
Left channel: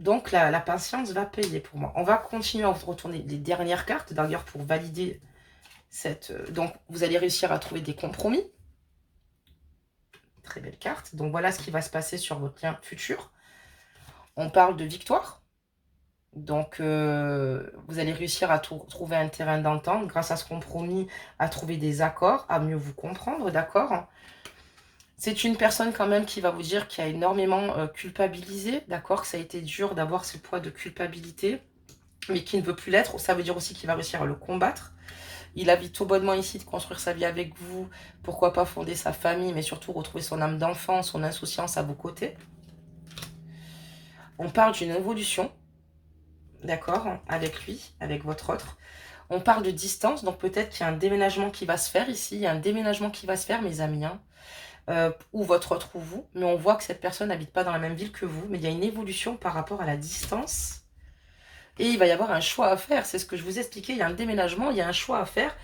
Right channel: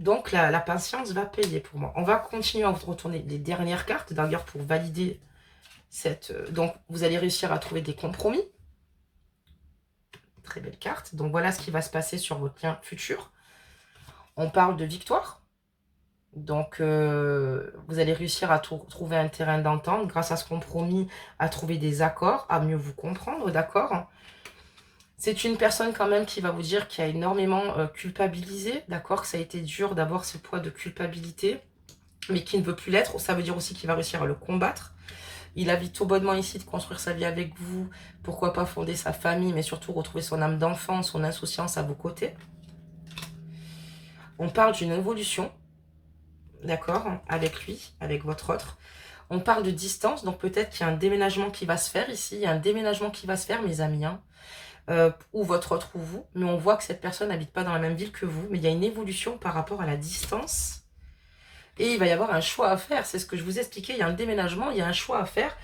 Donc la patience va payer pour moi. On va continuer à vous retourner les dernières cartes, d'ailleurs pour valider cette... donc vous allez réussir à trouver des compromis. Très belle carte. Donc voilà ce qui va se passer sur votre lien futur. On parle de victoire. Donc vous allez réussir à trouver un terrain d'entente grâce à ce compromis, à trouver des accords, à mieux vous comprendre, d'accord? C'est une personne quand même qui va vous dire qu'il a énormément culpabilisé, d'accord? Que ça a été dur d'avoir ce poids de culpabilité, mais qui ne veut plus l'être. Ça veut dire aussi qu'il va réussir à le combattre. Il a tout bonnement ici de construire sa vie avec vous. Pourquoi pas fonder sa famille, mais surtout retrouver son âme d'enfant, son insouciance à vos côtés. On parle d'une évolution, d'accord, avec lui, avec votre autre. On parle de distance, donc peut-être qu'il y a un déménagement qui va se faire ici. Il y a un déménagement qui va se faire, mes amis, hein. Ou votre autre ou vous. Mais on voit que cette personne n'habite pas dans la même ville que vous. Mais il y a une évolution par rapport à la distance. Et il va y avoir un choix à faire. C'est ce que je vous ai expliqué. Il y a un déménagement, il y a un choix à faire.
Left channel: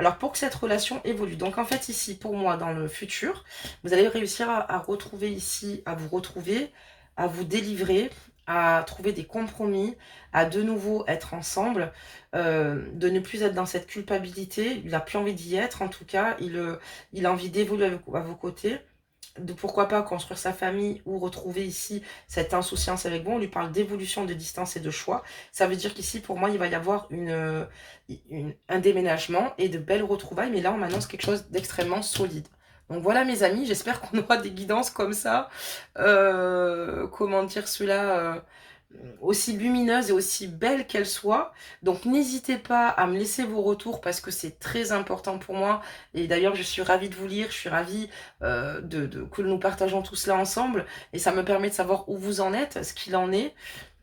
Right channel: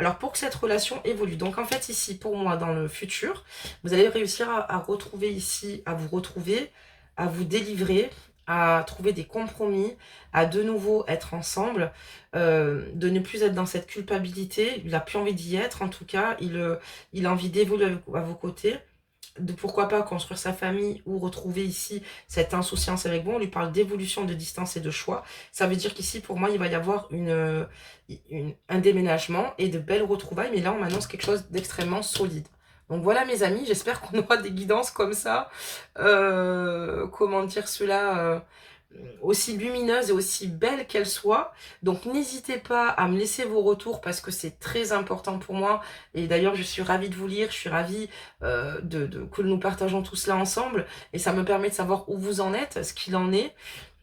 Alors, pour que cette relation évolue. Donc, en fait, ici, pour moi, dans le futur, vous allez réussir à retrouver ici, à vous retrouver, à vous délivrer, à trouver des compromis, à de nouveau être ensemble, de ne plus être dans cette culpabilité. Il n'a plus envie d'y être, en tout cas. Il a envie d'évoluer à vos côtés. De pourquoi pas construire sa famille ou retrouver ici cette insouciance avec vous. On lui parle d'évolution, de distance et de choix. Ça veut dire qu'ici, pour moi, il va y avoir un déménagement et de belles retrouvailles. Mais là, on m'annonce quelque chose d'extrêmement solide. Donc voilà, mes amis, j'espère qu'on aura des guidances comme ça. Comment dire cela aussi lumineuse et aussi belle qu'elle soit. Donc n'hésitez pas à me laisser vos retours parce que c'est très important pour moi. Et d'ailleurs, je suis ravie de vous lire, je suis ravie que nous partageons tout cela ensemble. Et ça me permet de savoir où vous en êtes, ce qu'il en est.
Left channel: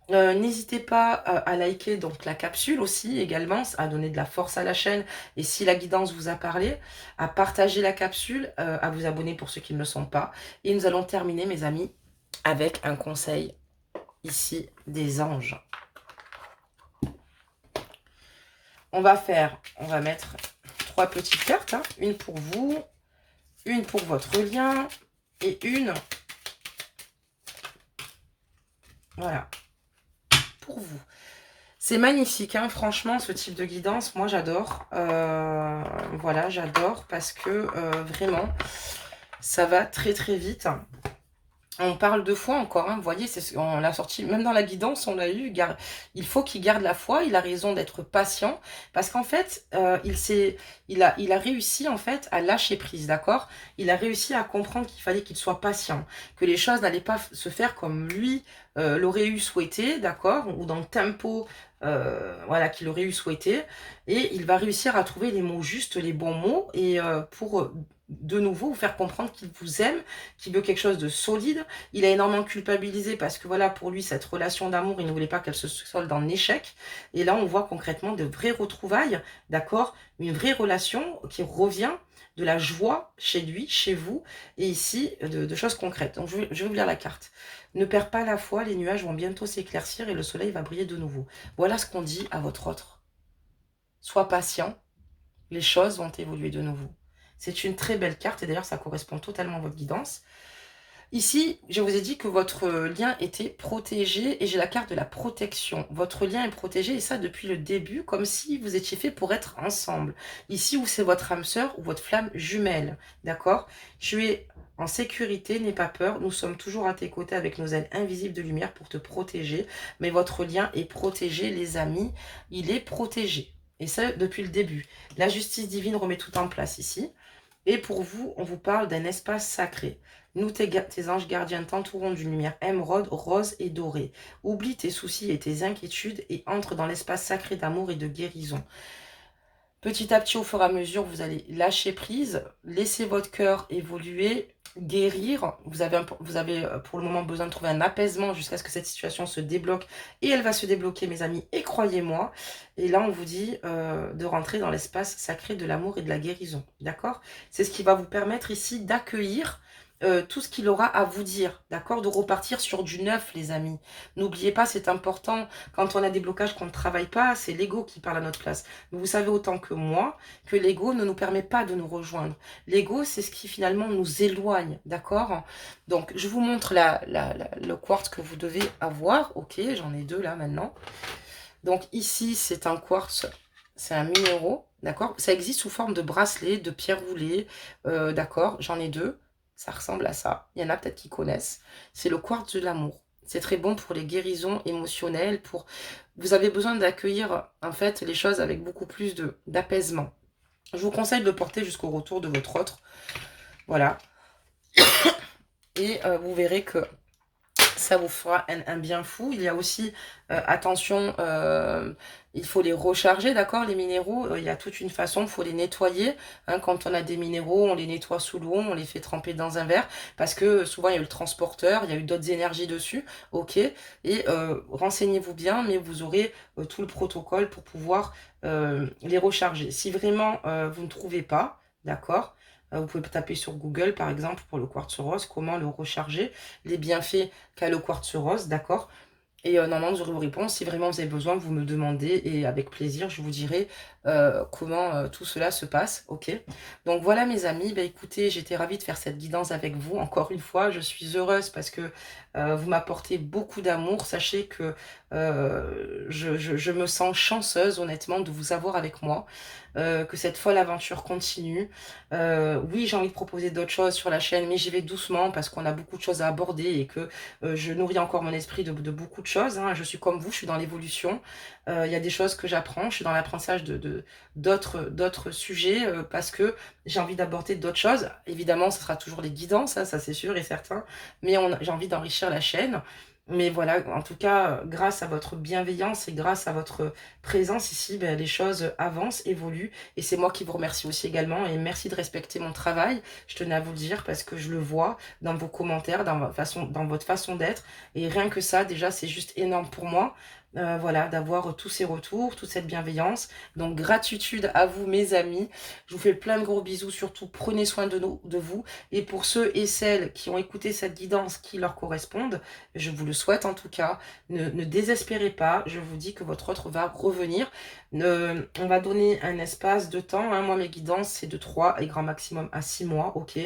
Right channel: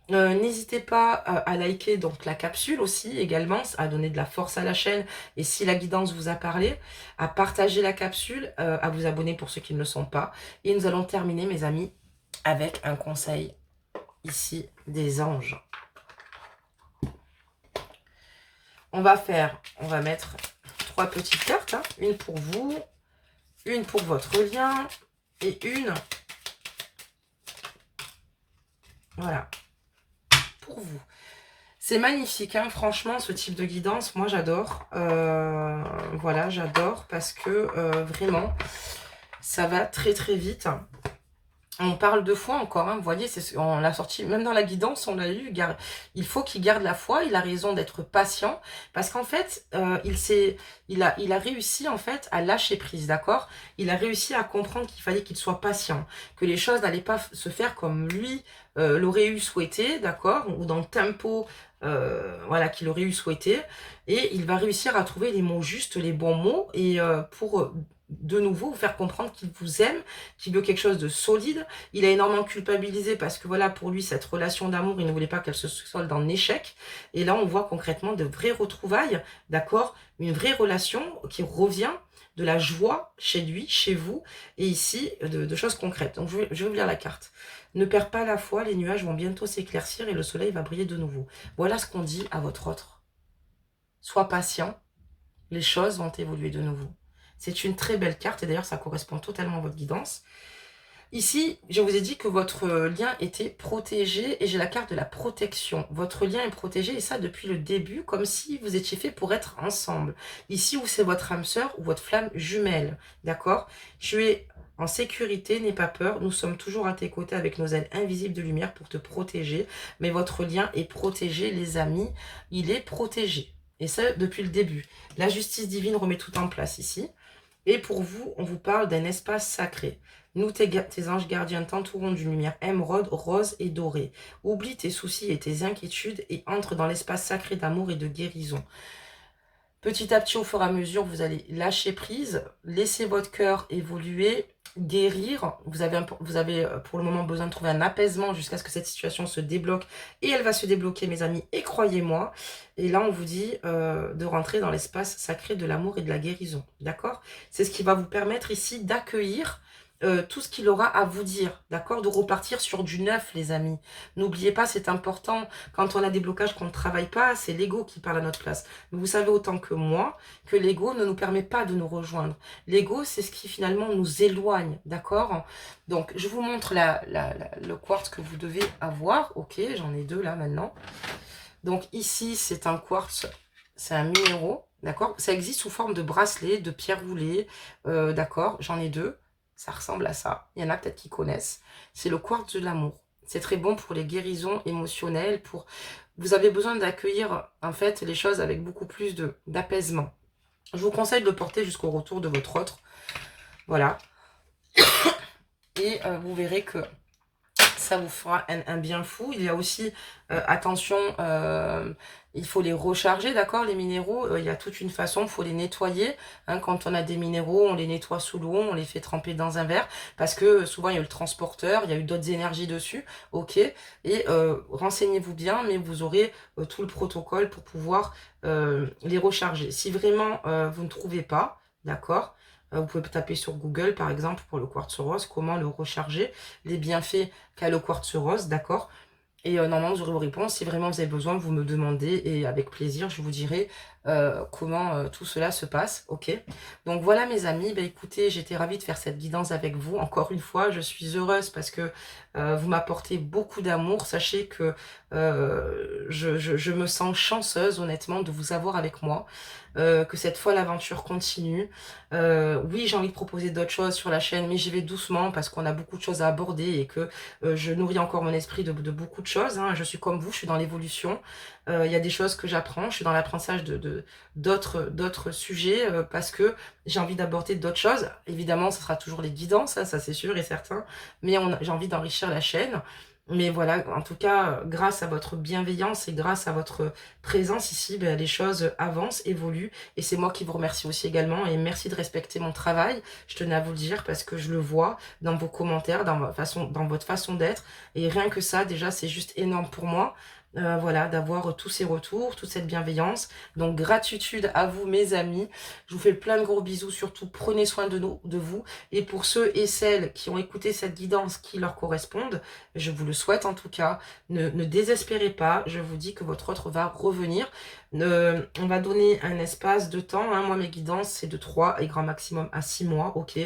N'hésitez pas à liker donc la capsule aussi également, à donner de la force à la chaîne. Et si la guidance vous a parlé, à partager la capsule, à vous abonner pour ceux qui ne le sont pas. Et nous allons terminer, mes amis, avec un conseil ici des anges. On va mettre 3 petites cartes, hein. Une pour vous, une pour votre lien et une, voilà, pour vous. C'est magnifique, hein, franchement, ce type de guidance, moi j'adore. Voilà, j'adore parce que vraiment, ça va très très vite. On parle de foi encore, hein, vous voyez, on l'a sorti, même dans la guidance, on l'a eu. Il faut qu'il garde la foi, il a raison d'être patient, parce qu'en fait, il a réussi en fait à lâcher prise, d'accord? Il a réussi à comprendre qu'il fallait qu'il soit patient, que les choses n'allaient pas se faire comme lui l'aurait eu souhaité, d'accord? Ou dans le tempo voilà, qu'il aurait eu souhaité. Et il va réussir à trouver les mots justes, les bons mots, et pour de nouveau vous faire comprendre qu'il vous aime, qu'il veut quelque chose de solide. Il a énormément culpabilisé parce que voilà, pour lui, cette relation d'amour, il ne voulait pas qu'elle se solde en échec. Et là, on voit concrètement de vraies retrouvailles, d'accord? Une vraie relation qui revient, de la joie chez lui, chez vous, et ici, de choses concrètes. Donc, je vais vous lire la carte. Ne perds pas la foi, les nuages vont bientôt s'éclaircir et le soleil va briller de nouveau. Voilà ce qu'on dit à votre autre. Sois patient, les choses vont évoluer de nouveau. C'est une très belle carte et d'ailleurs, ça correspond totalement à votre guidance. Ici, je vous ai dit que votre lien était protégé et j'ai la carte de la protection. Votre lien est protégé et ça depuis le début, comme si vous étiez fait pour être ensemble. Ici, où c'est votre âme sœur ou votre flamme jumelle, d'accord? Tu es en sécurité, n'aie pas peur. Nous sommes toujours à tes côtés avec nos ailes invisibles de lumière pour te protéger. Mais votre lien est protégé, les amis. Il est protégé. Et ça, depuis le début. La justice divine remet tout en place ici. Et pour vous, on vous parle d'un espace sacré. Nous, tes anges gardiens, t'entourons d'une lumière émeraude, rose et dorée. Oublie tes soucis et tes inquiétudes et entre dans l'espace sacré d'amour et de guérison. Petit à petit, au fur et à mesure, vous allez lâcher prise, laisser votre cœur évoluer, guérir. Vous avez pour le moment besoin de trouver un apaisement jusqu'à ce que cette situation se débloque. Et elle va se débloquer, mes amis, et croyez-moi. Et là, on vous dit de rentrer dans l'espace sacré de l'amour et de la guérison. D'accord? C'est ce qui va vous permettre ici d'accueillir tout ce qu'il aura à vous dire, d'accord? De repartir sur du neuf, les amis. N'oubliez pas, c'est important. Quand on a des blocages qu'on ne travaille pas, c'est l'ego qui parle à notre place. Mais vous savez autant que moi que l'ego ne nous permet pas de nous rejoindre. L'ego, c'est ce qui finalement nous éloigne, d'accord? Donc, je vous montre le quartz que vous devez avoir. Ok, j'en ai 2 là maintenant. Donc ici, c'est un quartz, c'est un minéraux, d'accord? Ça existe sous forme de bracelet, de pierre roulée, d'accord? J'en ai 2. Ça ressemble à ça. Il y en a peut-être qui connaissent. C'est le quartz de l'amour. C'est très bon pour les guérisons émotionnelles. Vous avez besoin d'accueillir en fait les choses avec beaucoup plus d'apaisement. Je vous conseille de le porter jusqu'au retour de votre autre. Voilà. Et vous verrez que ça vous fera un bien fou. Il y a aussi, attention, il faut les recharger, d'accord, les minéraux. Il y a toute une façon, il faut les nettoyer. Hein, quand on a des minéraux, on les nettoie sous l'eau, on les fait tremper dans un verre. Parce que souvent, il y a eu le transporteur, il y a eu d'autres énergies dessus. Ok. Et renseignez-vous bien, mais vous aurez tout le protocole pour pouvoir les recharger. Si vraiment vous ne trouvez pas, d'accord, vous pouvez taper sur Google, par exemple, pour le quartz rose, comment le recharger, les bienfaits qu'a le quartz rose, d'accord? Et normalement, vous aurez vos réponses. Si vraiment vous avez besoin, vous me demandez et avec plaisir, je vous dirai comment tout cela se passe, ok? Donc voilà mes amis, bah, écoutez, j'étais ravie de faire cette guidance avec vous. Encore une fois, je suis heureuse parce que vous m'apportez beaucoup d'amour. Sachez que je me sens chanceuse, honnêtement, de vous avoir avec moi. Que cette folle aventure continue. Oui, j'ai envie de proposer d'autres choses sur la chaîne, mais j'y vais doucement parce qu'on a beaucoup de choses à aborder et que je nourris encore mon esprit de beaucoup de choses. Hein. Je suis comme vous, je suis dans l'évolution. Il y a des choses que j'apprends, je suis dans l'apprentissage d'autres sujets parce que j'ai envie d'aborder d'autres choses. Évidemment, ce sera toujours les guidances, hein, ça c'est sûr et certain, mais j'ai envie d'enrichir la chaîne. Mais voilà, en tout cas, grâce à votre bienveillance et grâce à votre présence ici, ben, les choses avancent, évoluent. Et c'est moi qui vous remercie aussi également. Et merci de respecter mon travail. Je tenais à vous le dire parce que je le vois dans vos commentaires, dans votre façon d'être. Et rien que ça, déjà, c'est juste énorme pour moi. voilà, d'avoir tous ces retours, toute cette bienveillance. Donc gratitude à vous mes amis. Je vous fais plein de gros bisous, surtout prenez soin de vous. Et pour ceux et celles qui ont écouté cette guidance qui leur correspondent, je vous le souhaite en tout cas, ne désespérez pas, je vous dis que votre autre va revenir. On va donner un espace de temps, hein. Moi mes guidances c'est de 3 et grand maximum à 6 mois, ok.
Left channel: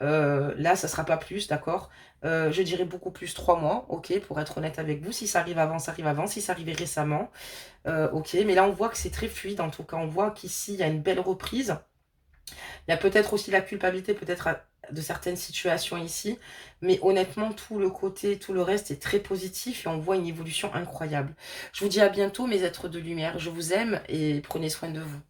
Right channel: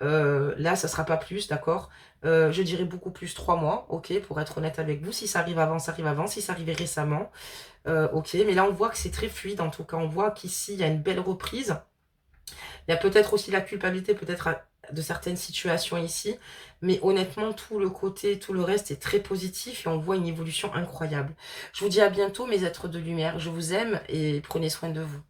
Là ça sera pas plus, d'accord. Je dirais beaucoup plus 3 mois, ok, pour être honnête avec vous. Si ça arrive avant, ça arrive avant. Si ça arrivait récemment, ok. Mais là, on voit que c'est très fluide. En tout cas, on voit qu'ici, il y a une belle reprise. Il y a peut-être aussi la culpabilité, peut-être de certaines situations ici. Mais honnêtement, tout le côté, tout le reste est très positif et on voit une évolution incroyable. Je vous dis à bientôt, mes êtres de lumière. Je vous aime et prenez soin de vous.